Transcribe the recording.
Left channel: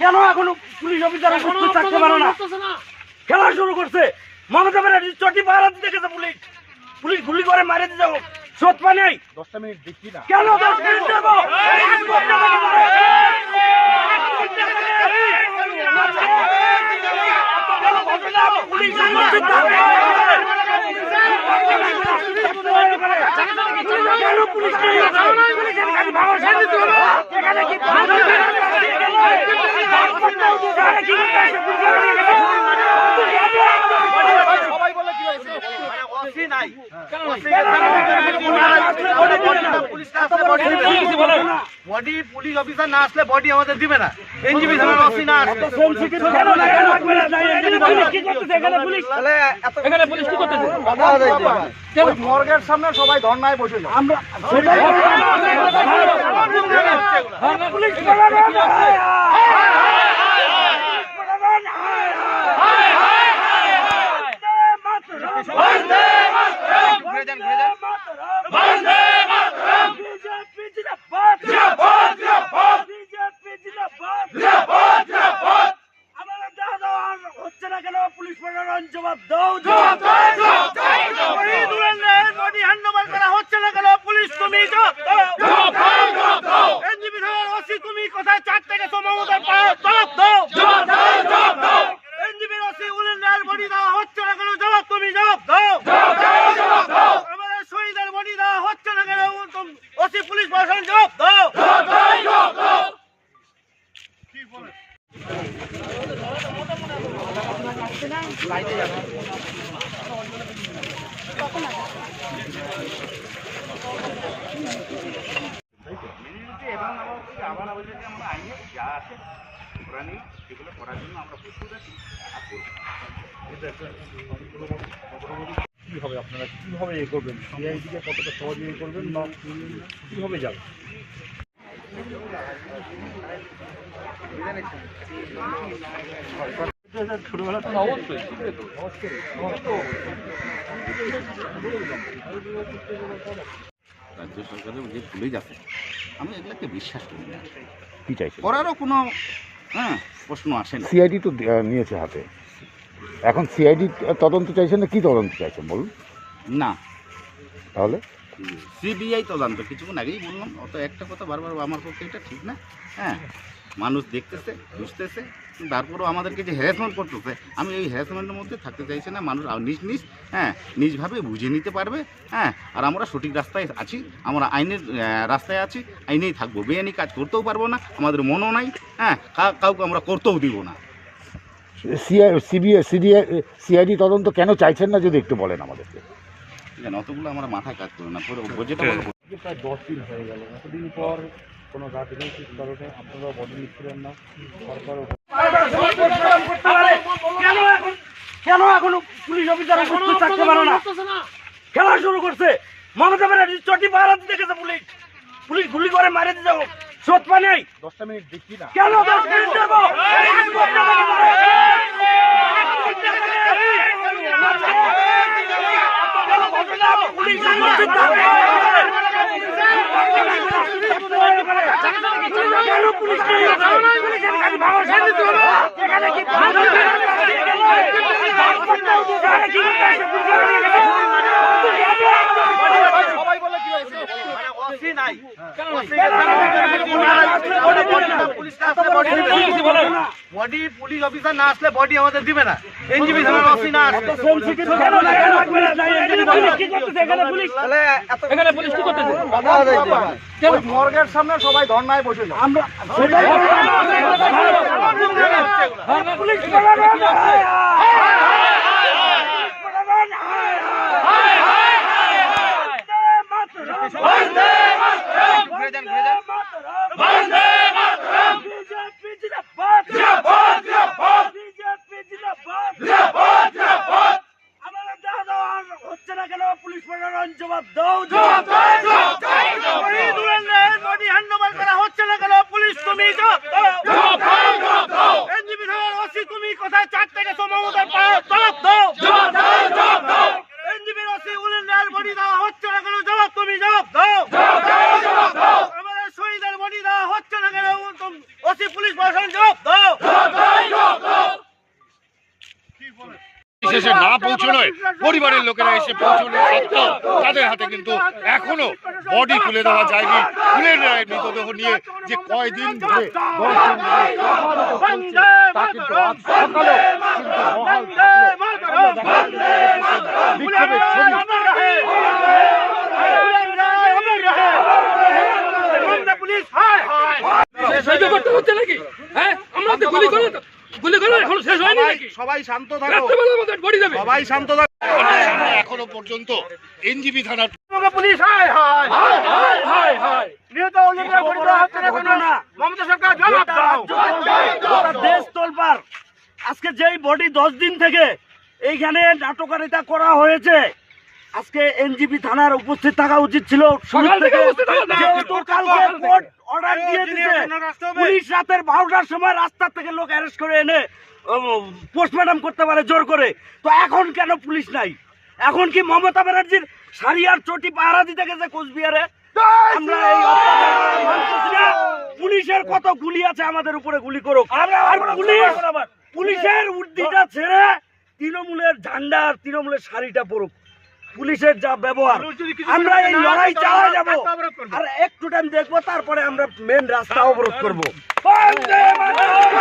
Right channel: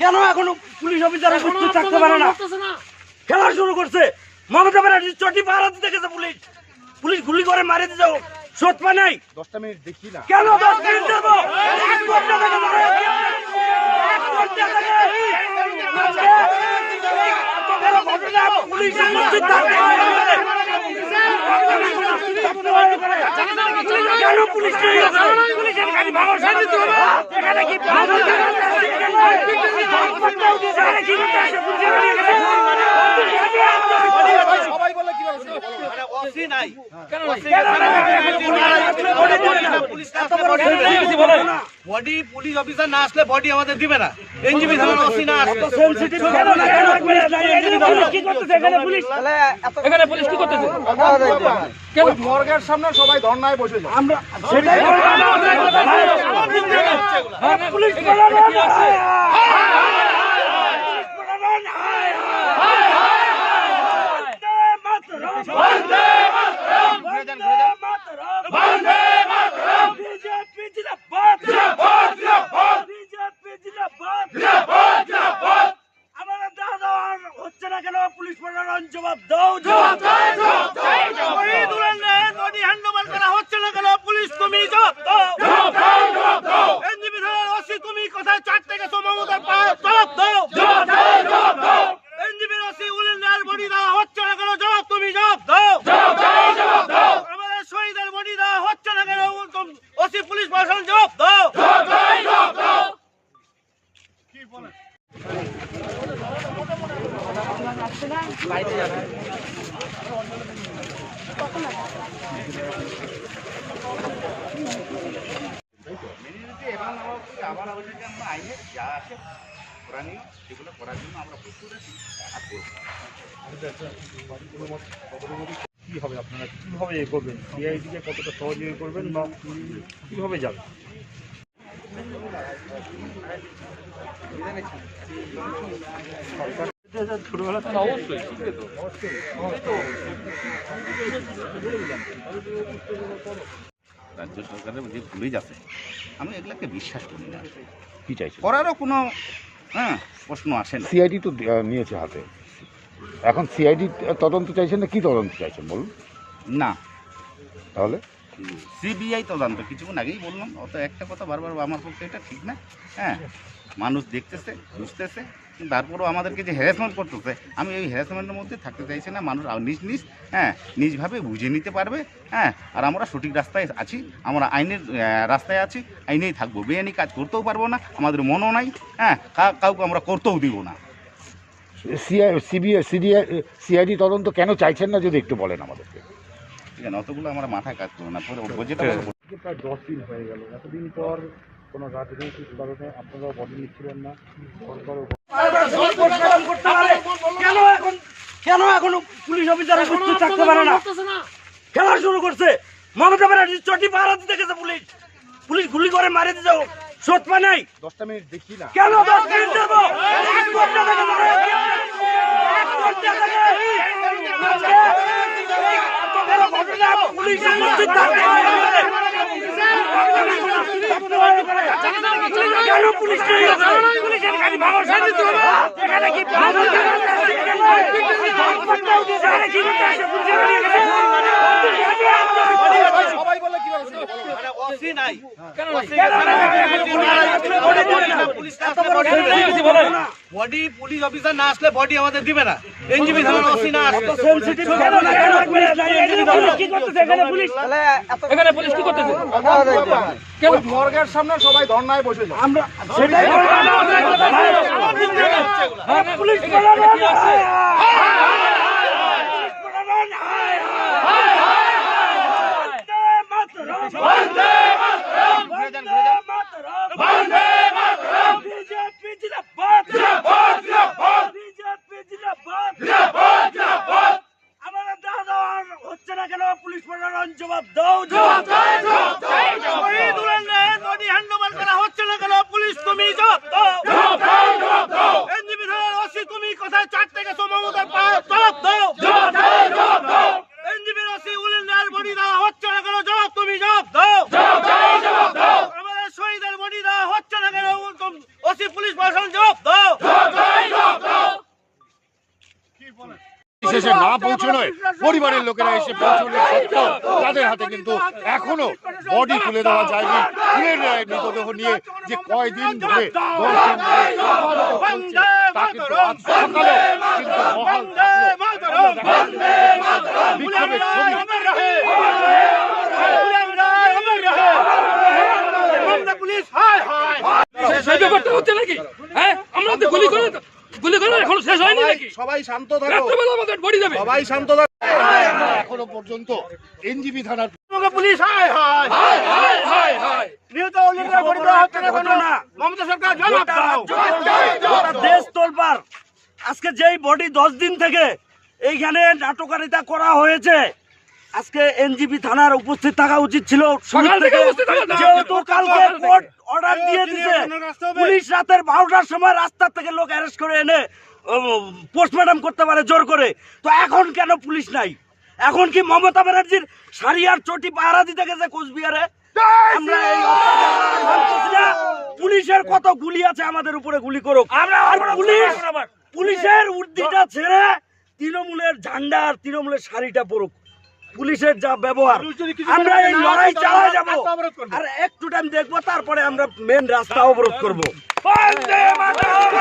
কেন এখন police officer থাকতে পারে না? খেলা শুরু করছে। মমতা ব্যানার্জি চটি পাহারা দিতে গেছে, পুলিশ পুলিশ গুলি করে মারে দিতে সৎ পা নাই। 10টা মিনিট দেখি না কেন 10 মিনিট দেবো? পুলিশ কেন পুলিশ সবাই বলে কি হয়েছে বডি পুলিশ অফিসার না আসলে বডি আমাদের দিবে না। এনজিপি থানার ওসি না আসলে এখানে পুলিশ কি করতেছে? মর্গের সামনে সবাই ধর্নায় বসে যায়। আমরা সেটাই পুলিশ হচ্ছে না কেন? পুলিশ প্রশাসন জবাব দাও, হ্যান্ডওভার করা হচ্ছে না কেন? পুলিশ তুমি জবাব দাও। এনজিপি থানার ওসি তুমি কোথায়? 4 থেকে মমতার জবাব দাও। এনজিপির ওসি উলেন্দার বডি দেওয়া হচ্ছে না কেন? জবাব তুমি জবাব দাও। আমাদের শহীদের বডি দেওয়া হচ্ছে না কেন? ওসি পুলিশ প্রশাসন জবাব দাও। কি বলে কি হবে আপনারা কিভাবে এ করবেন? সিআইডিকে কতটা সহযোগী করবেন বা কিভাবে যাবে? ছোটবেলা তো অবশ্যই রাজ্য সরকারের যে পুলিশ আছে, আমি এগুলাকে বিশ্বাস করি না। কি চাইছে? করারও কোনো প্রশ্ন আসে না। সিআইডি তো নিয়েছে হাতে, এখন সিআইডি তদন্ত চাইছেন না কি তদন্ত চাইছেন বলুন? না, তাহলে সিবিআই তদন্ত। কিছুক্ষণ আগেই বললাম, অত একটা কথা বারবার আমার পক্ষে এটা ঠিক না। মানুষ দেখতেছে, বুঝতেছে, তারপরেও আমাদেরকে যে হ্যারাসমেন্ট করতেছে, আমি এই হ্যারাসমেন্টের মধ্যে থাকতে চাইছি না। মানুষ নিজভাবে বুঝে নিতে পারবে। আর আমরা সঠিক রাস্তায় আছি, আমরা আইনের রাস্তায় আছি, আইনেই থাকবো। বেআইনি কাজ করতেও পারবো না, আমাদের মনও নাই। কাউকে আমরা করতেও দিব না। সিআইডি তদন্ত কেন চাইছেন না যদি একটু বলেন আমাদেরকে। ঠিক আছে, অতগুলো আমরা মাথায় কাজ করবো না। যেটা বলবো, প্রায় 10 দিন হয়ে গেল, এতদিন পর কোনো রাজনৈতিক কারণে আপনারা বদল নিচ্ছিলেন না, সরকারও কেন এখন পুলিশ অফিসার থাকতে পারে না? খেলা শুরু করছে। মমতা ব্যানার্জি চটি পাহারা দিতে গেছে, পুলিশ পুলিশ গুলি করে মারে দিতে সৎ পা নাই। 10টা মিনিট দেখি না কেন 10 মিনিট দেবো? পুলিশ কেন পুলিশ সবাই বলে কি হয়েছে? বডি পুলিশ অফিসার না আসলে বডি আমাদের দিবে না। এনজিপি থানার ওসি না আসলে এখানে পুলিশ কি করতেছে? মর্গের সামনে সবাই ধর্নায় বসে যায়। আমরা সেটাই পুলিশ হচ্ছে না কেন? পুলিশ প্রশাসন জবাব দাও, হ্যান্ডওভার করা হচ্ছে না কেন? পুলিশ তুমি জবাব দাও। এনজিপি থানার ওসি তুমি কোথায়? 4 থেকে মমতার জবাব দাও। এনজিপির ওসি উলেন্দার বডি দেওয়া হচ্ছে না কেন? জবাব তুমি জবাব দাও। আমাদের বডি দেওয়া হচ্ছে না কেন? ওসি পুলিশ প্রশাসন জবাব দাও। শেষে না পৌঁছানোয় পরিবারের লোকেরা এসে পৌঁছানোর সত্ত্বেও তাদের হাতে কিন্তু এখনো বডি তুলে দেওয়া যায়নি। খুনের মৃতদেহ নিয়ে যে কয়দিন ধরে 10 দিন ধরে তা কিন্তু আজ সকালে কিন্তু বহাল থাকলো। বিক্ষোভের ছবি পুলিশ হায় হায় সেই ব্যাপারটা হচ্ছে নাকি? হ্যাঁ, আমরা তো গুলি করে এখনো শেষ হয়নি নাকি? সবাই শান্ত থাকো, রাত্রেবেলা আমাদের বডি দেবে। সবাই শান্ত থাকো। এখনো পর্যন্ত এনজিবি থানার পুলিশ হায় হায় হায় হায় হায় হায়। নিহত অলিরা বডি দেওয়া হচ্ছে না কেন? মমতা সরকার জবাব দাও। দেশ তোলপার। আজকে যেই বডি 10 দিন থেকে এইখানে নাটকারিতা করা হয়েছে, আজকে এনজিপি থানার উপস্থিত থাকা উচিত ছিল। সকাল থেকে উপস্থিত থাকা উচিত। যেহেতু কালকে কোর্ট অর্ডার দিয়ে দিয়েছে, পুলিশ রাতের 12টার সময় রাস্তা থেকে লোক অ্যারেস্ট করে এনে পোস্টমর্টম করতে পারে জোর করে। তো এখন কেন পুলিশ নাই? এখন কি মমতা ব্যানার্জির শাড়ি আর চটি পাহারা দিতে গেছে কোচবিহারে? আমরা এই অত্যাচার মানতেছি না। পুলিশের কত গুলি আছে, আমাদের উপরে গুলি করুক। আর পুলিশের উর্দিটা ছেড়ে তৃণমূলের ঝান্ডা আর তৃণমূলের শাড়িটা পরুক। পুলিশের যা ব্যবহার, আমরা এই লড়াই চালিয়ে যাব। আর একটু টাইম দেখবো, তারপরে আমরা মেন রাস্তা অবরোধ করবো। বন্দে মাতরম।